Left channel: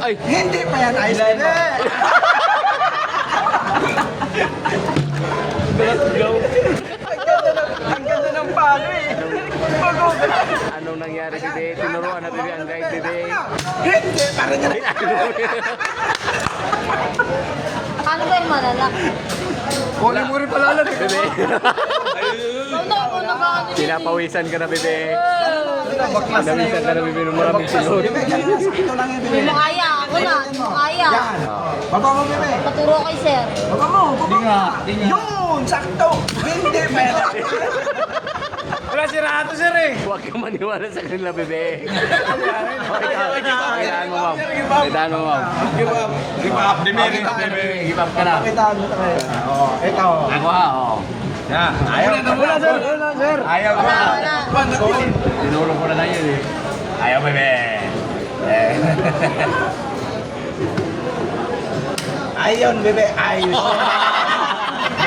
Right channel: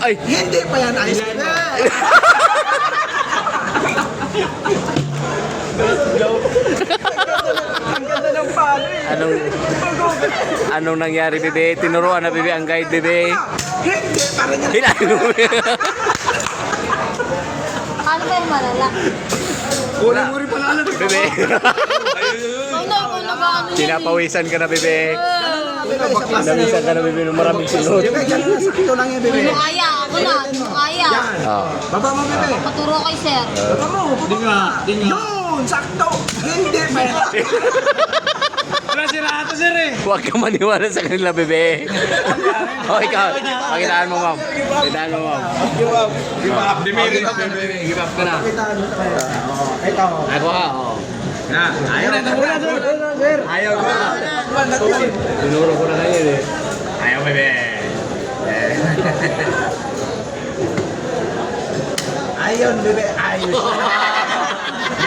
Ay! Hindi pa yan ice cream. Ang ganda ng palo eh. Anong nangyari, bebe? Tinuruan na, bebe, ang guide, bebe. Hindi pa rin yan. Hinalo, bebe. Paano ba yung malala? Kunin mo rin pala lang. Bebe. Ikaw na gaano yan. Pinapawisan ka na, bebe. Pinapawisan ka na, bebe, ng maraming sinod. Bebe, yan na. Sakto lang yan, bebe. Hindi mo kaya. Ako na. Hindi mo kaya. Yan. Ah. Baba mo, bebe. Paturo kay sir. Baba mo. Baba mo. Yun, sakto. Hindi pa yan. Wala sila ato sir eh. Huwag ka maniwala sa kanila, bebe. O, ikaw. Pakitaan mo, ma'am. Pakitaan mo, ma'am. Give up. Dimiri. Give up ka na. Kita mo tayo. Oo, ikaw. Ako, oo. Ayaw na sir. Ayaw ko. Tinuro ko na ngayon, eh. Ayaw bebe. Ayun, bebe. Ayos.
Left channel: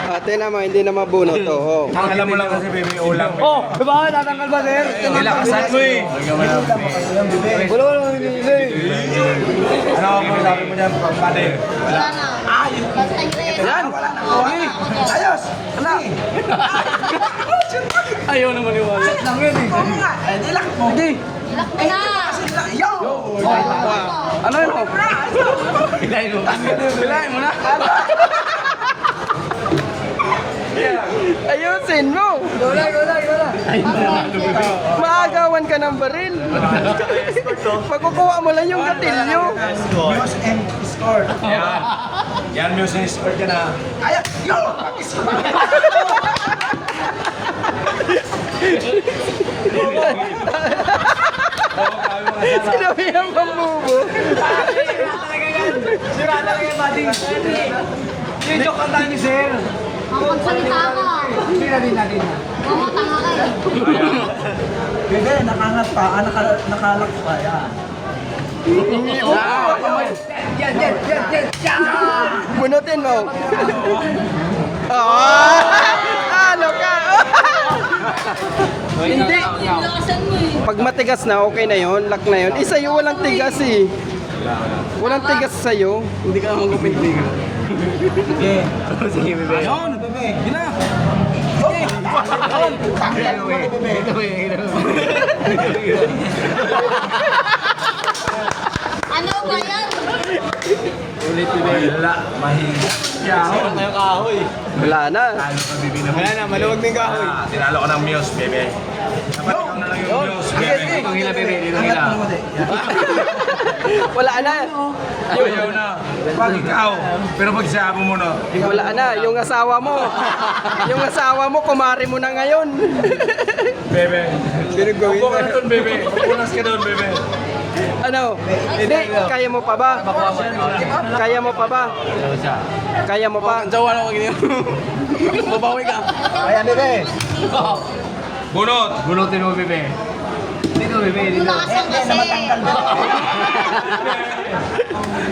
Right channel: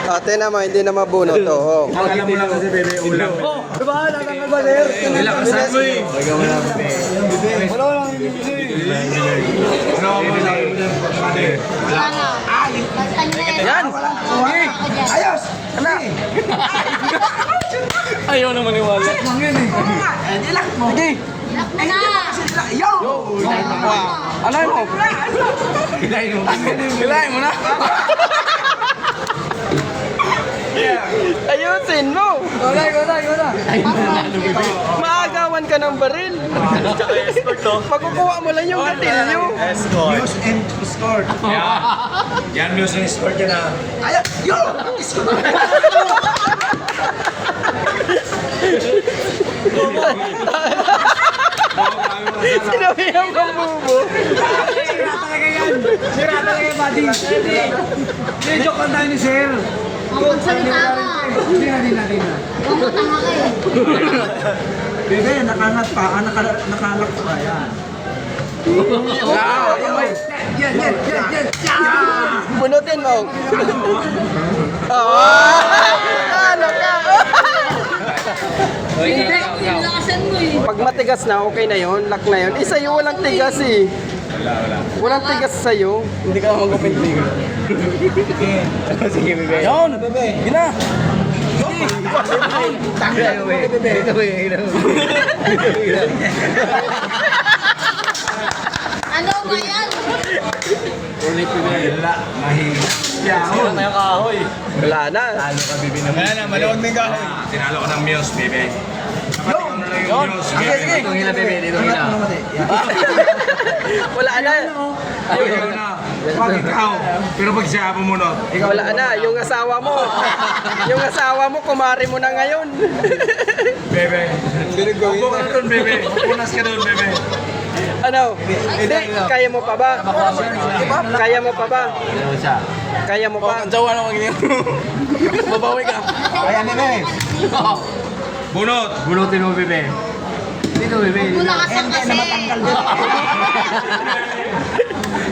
Ate naman, hindi na mabunot to. Oh. Ang alam mo lang kasi bebe ulam. Oh, diba? Natanggal ba sir? Nilakasan mo eh. Ano mo sabi mo dyan? Pati. Wala na. Basta nyo rin. Yan! Ayos. Ala. Ayaw na maniwala. Lang yun eh. Oo nga. Nilak mo. Sige. Lock mo na. Yo. Ano yun mo? Hilahin mo. Hilahin mo na. Ayusin mo! Maagawan ka ng baril. Pagkukuha mo lang yung gatilyo. News and scored. Yan music sport yan ah. Ayos. Yo. Sinabi ang pambubo. Sira talaga yan, buddy. Joke lang tayo ni sir. Ang pagsalita ka. Hindi na. Huwag mo tanga kayo. Bebe, nakangat pa. Nakalak pa. Yan. Bunutin mo. Ano ka? Hindi. Lakasan mo eh. Pag matigas na, okay na yon, lock na yon. Isa yung walang tigas eh. Walang tigas sa'yo. Hindi ka naman kumpintig. Sige, bebe. Yun, bebe. Gina. Dito, bebe. Ano ba yan? Ulit, bebe. Wala. Mahirap. Sira na yung kahoy. Wala na. Talo ka, bibi naman. Wala na, maluwag na yung kahoy. Tinalo ka ng Muse, bebe. Dapat ikaw na lang yung Muse. Dito hila, bebe. Dito hila. Wala na. Ayaw na. Pag ikaw. Pero pag siya mo muna. Wala na. Yung asawa mo. Yung asawa mo, kumari mo na ngayon. Bebe. Upo ka na doon, bebe. Upunas ka doon, bebe. Ano? Hindi, kaya mo pa ba? Kaya mo pa ba? Kaya mo pa? Jawa na ganyan. Babawi ka. Ayan, bebe. Bunot. Bunutin mo, bebe. Dito, bebe. Dito. Mulakasan kasi.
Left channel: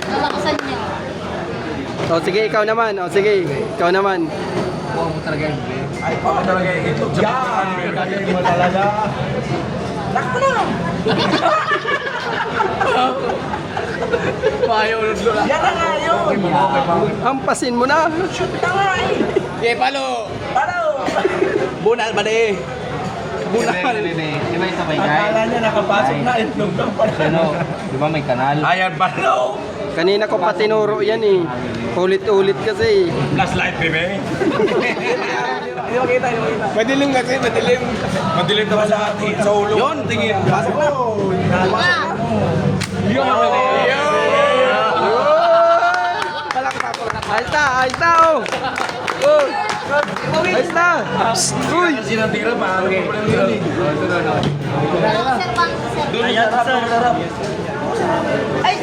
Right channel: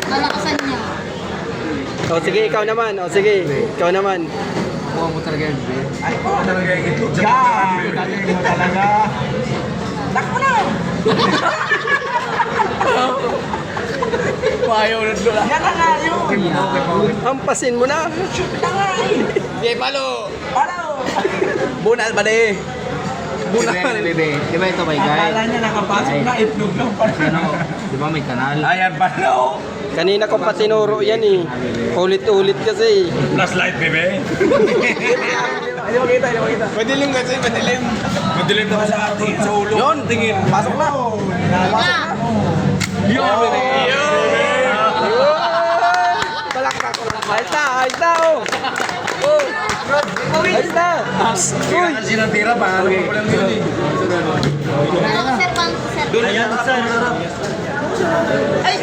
Malakasan niya. O sige, ikaw naman. O sige, ikaw naman. Buwan mo talaga yan, bebe. Ay, ako talaga yung itlog. Yan. Galing mo talaga. Lock mo na. Ayaw na lula. Yan na nga yun. Hampasin mo na. Okay, palo. Paro. Bunal ba de? Bunal. Bebe, di ba ito may guide? Akala niya nakapasok na itlog lang pala. Ano, di ba may kanal? Ayan, palo. Kanina ko pa tinuro yan eh. Ulit-ulit kasi. Flashlight, bebe. Hindi makita, hindi makita. Madilim kasi, madilim. Madilim naman sa atin, sa ulo. Yun, tingin. Pasok na. Yun, bebe. Palakpak. Ayos na, ayos na oh. Oh. Ayos na. Tira kasi ng tira, paano pa pala yun eh. Sir, pang sir. Doon na siya, harap.